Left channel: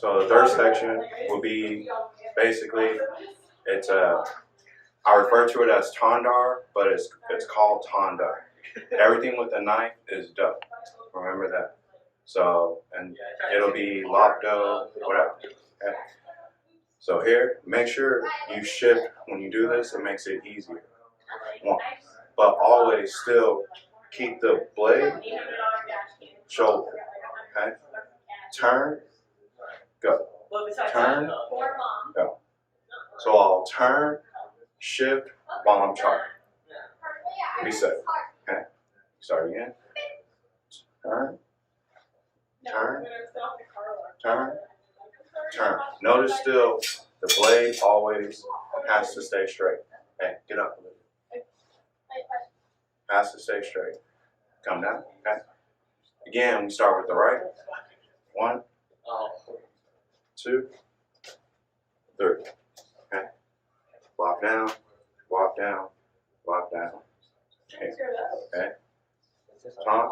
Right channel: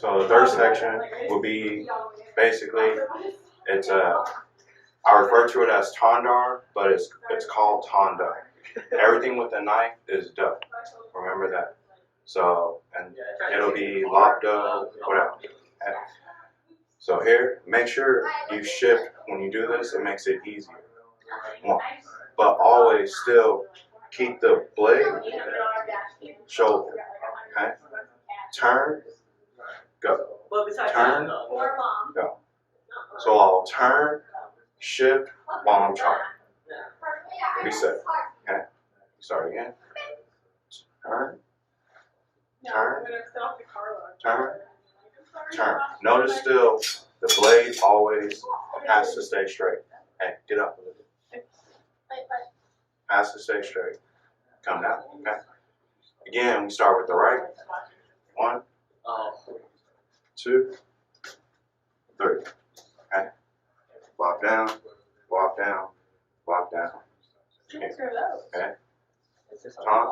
So the third section will be basically, it's I refer to it as tandar, but it's called tanda. Everything with a knife is do. Remember that. So, and it'll be lop do, whatever. Okay. So here, make sure you shift when you do this. It makes it easier. One, but always still keep the blade shoulder. Okay. Turn, go. Turn, go. So I'll turn, shift while I'm trying. Reset. Okay. Start again. Turn, turn, turn, turn. Notice still the blade always has to stay straight. Hey, get up a little bit. Has to stay straight. Come down. Okay. Again, we start with the right. 1, 2, 3. Okay. Walk down, walk down, walk down. Okay. Okay. Turn.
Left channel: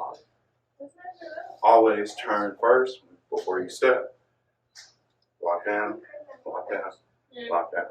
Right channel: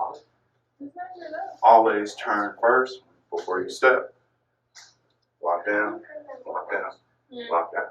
Always turn first before you step. Walk down, walk down, walk down.